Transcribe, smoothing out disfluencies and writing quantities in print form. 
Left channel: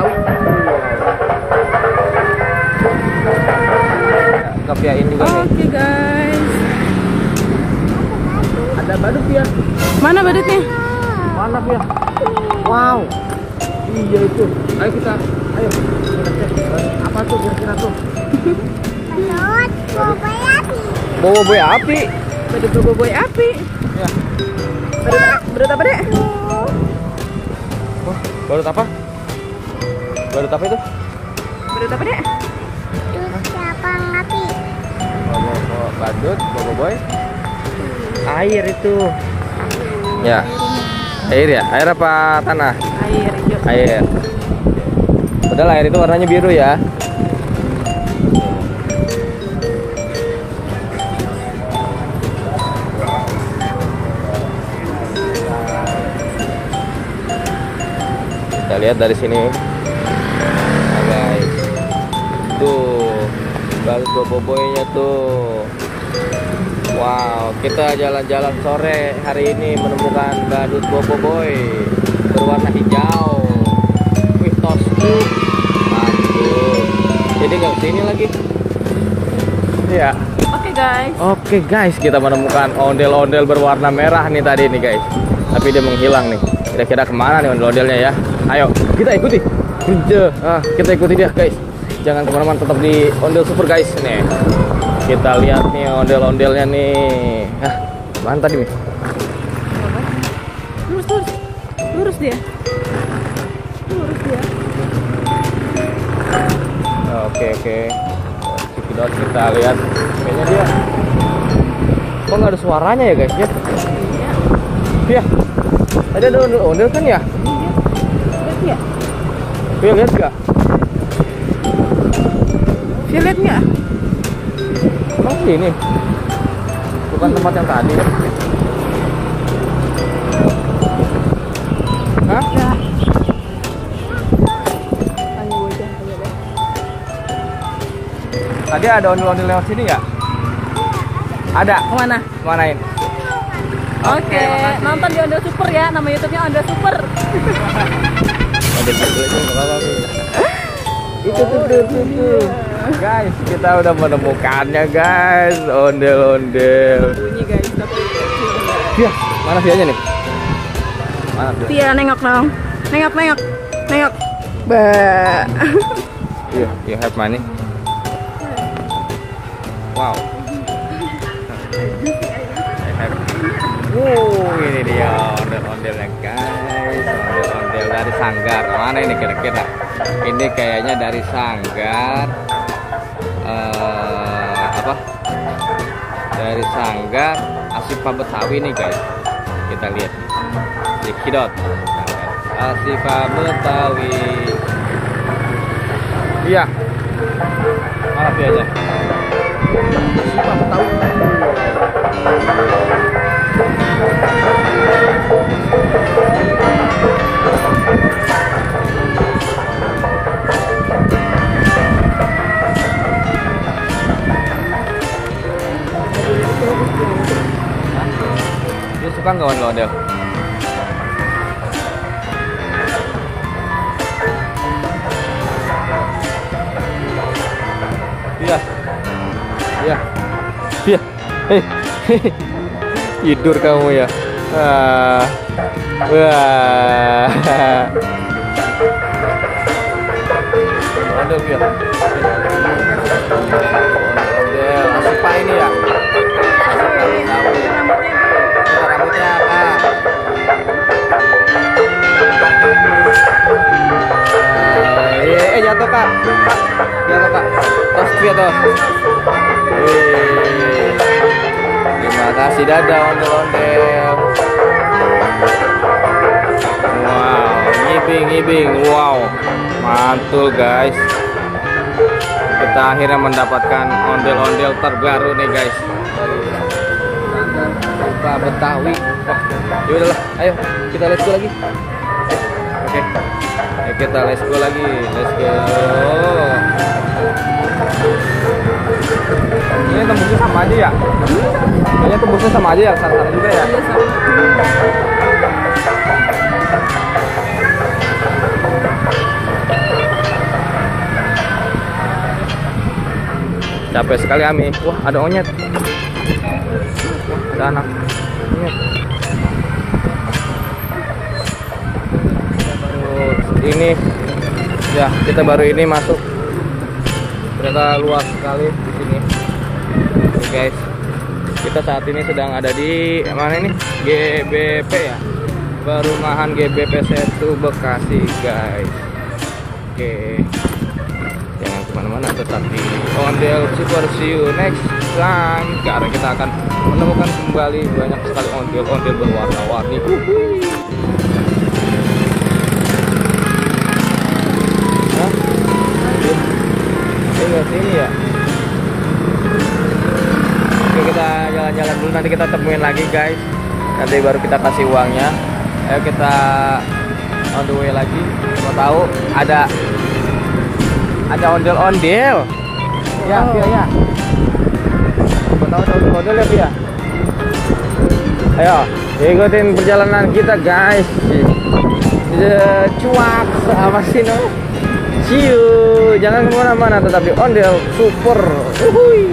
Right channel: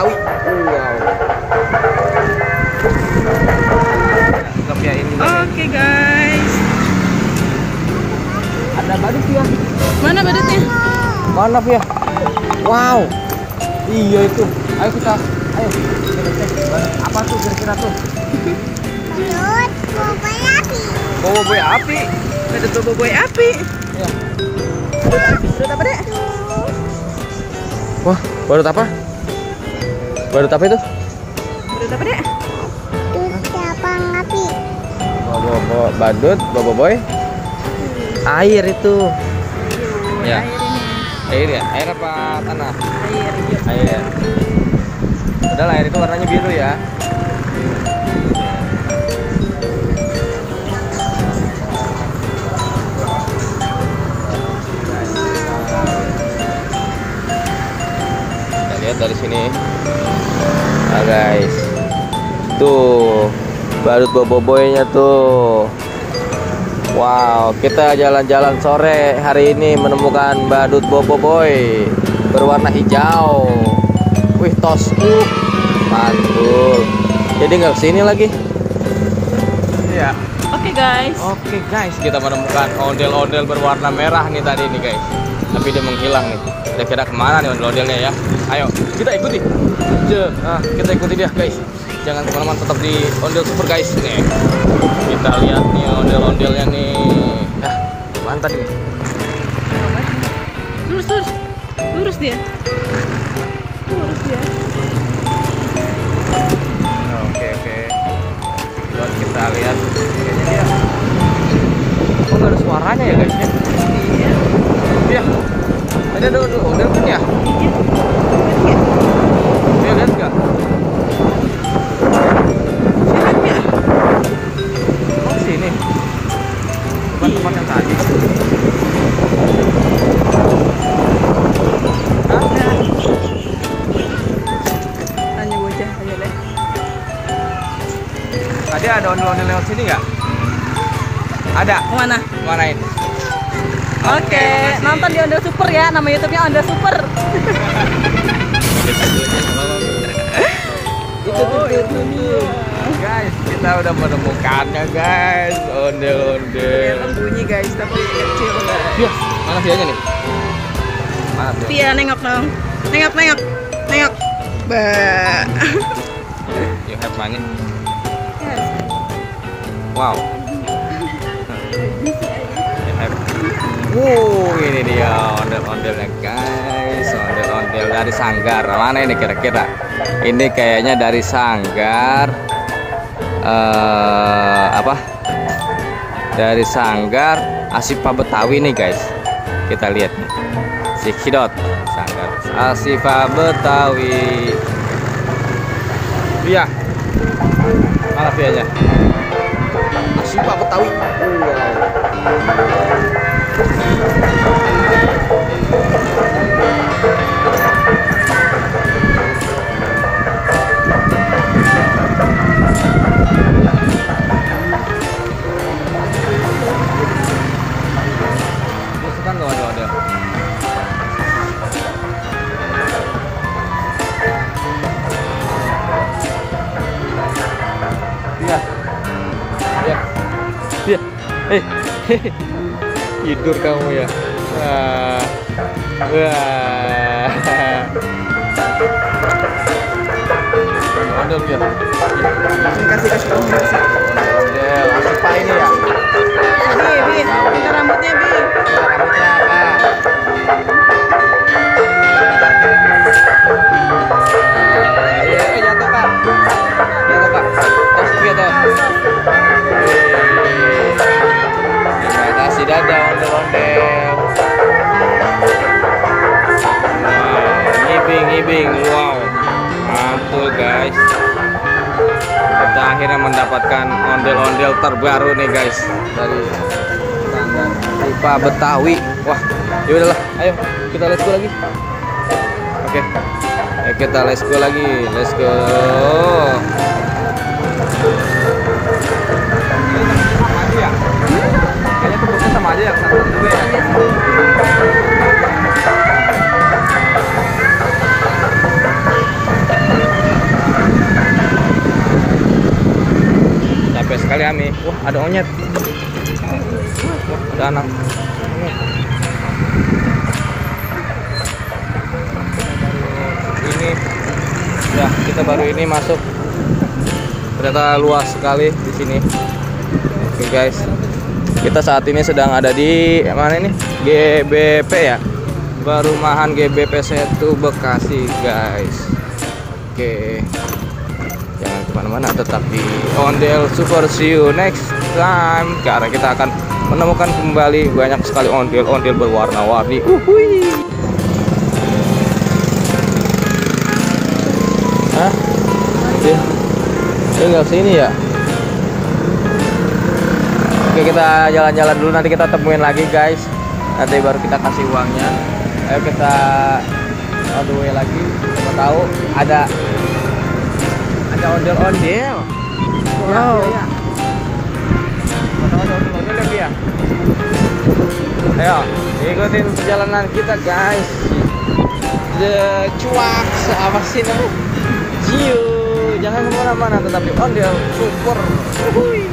Betawi. Wow. Ya ini. Oke guys. Ada badut ya. Mana badutnya? Mana ya? Wow. Iya itu. Ayo kita. Ayo. Apa tuh kira-kira tuh? Boboiboy api. Badut boboiboy api. Wah. Badut apa dek? Wah, badut apa? Badut apa itu? Badut apa dek? Badut, boboiboy. Air itu. Ya. Air ya? Air apa tanah? Air. Air. Padahal air itu warnanya biru ya. Kita lihat dari sini. Nah guys. Tuh, badut boboiboynya tuh. Wow, kita jalan-jalan sore hari ini menemukan badut boboiboy berwarna hijau. Wih, tos tuh, mantul. Jadi nggak kesini lagi. Iya. Oke guys, kita menemukan ondel-ondel berwarna merah nih tadi nih guys. Tapi dia menghilang nih. Kira-kira kemana nih ondel-ondelnya ya? Ayo, kita ikuti. Nah, kita ikuti dia guys. Jangan kemana-mana, tetap di Ondel Super guys nih. Kita lihat nih ondel-ondelnya nih. Mana tadi nih? lurus dia. Oke. Kita lihat. Kayaknya dia. Kok nggak ada suaranya ya guys ya? Iya. Iya. Ada ondel kan ya? Iya. Dia lihat nggak? Ini bukan tempat yang tadi kan? Hah? Tanya bocah aja deh. Tadi ada ondel-ondel lewat sini nggak? Ada. Kemana? Mana ini? Oke, nonton di Ondel Super ya. Nama YouTube-nya Ondel Super. Itu tuh. Guys, kita udah menemukannya guys, ondel-ondel. Bunyi guys, tapi kecil guys. Iya, mana Vianya nih? Via nengok dong. Nengok. Ba. You have money? Wow. Ini dia ondel-ondelnya guys, ondel-ondel dari Sanggar. Mana ini kira-kira? Ini kayaknya dari Sanggar. Dari Sanggar Asifa Betawi nih guys. Kita lihat nih. Si Hidot Sanggar Asifa Betawi. Iya. Mana Vianya? Asifa Betawi. Suka nggak ondel-ondel? Iya. Tidur kamu ya. Ondel ya. Ondel Asifa ini ya. Rambutnya apa? Jatuh kak. Tos dia tos. Terima kasih dadah ondel-ondel. Wow, ngibing. Wow, mantul guys. Kita akhirnya mendapatkan ondel-ondel terbaru nih guys dari Asifa Betawi. Wah, yaudahlah, ayo kita let's go lagi. Oke. Ayo kita let's go lagi, let's go. Ini tembusnya sama aja ya? Kayaknya tembusnya sama aja ya, sama juga ya? Spesial sekali Ami. Wah, ada onyet. Wah, ada anak onyet. Ini ya, kita baru ini masuk. Ternyata luas sekali di sini. Nih guys. Kita saat ini sedang ada di mana ini? GBP ya. Perumahan GBP 1 Bekasi, guys. Oke. Jangan kemana-mana, tetap di Ondel Super. See you next time. Cara kita akan menemukan kembali banyak sekali ondel-ondel berwarna-warni. Hah? Tinggal sini ya. Oke, kita jalan-jalan dulu, nanti kita temuin lagi guys. Nanti baru kita kasih uangnya. Ayo kita on the way lagi. Siapa tahu ada ondel-ondel. Ya, oh. Ya. Tahu lihat dia. Ayo, ikutin perjalanan kita guys. Cuak apa sih no? See you. Jangan kemana-mana, tetap di Ondel Super. Uhuy.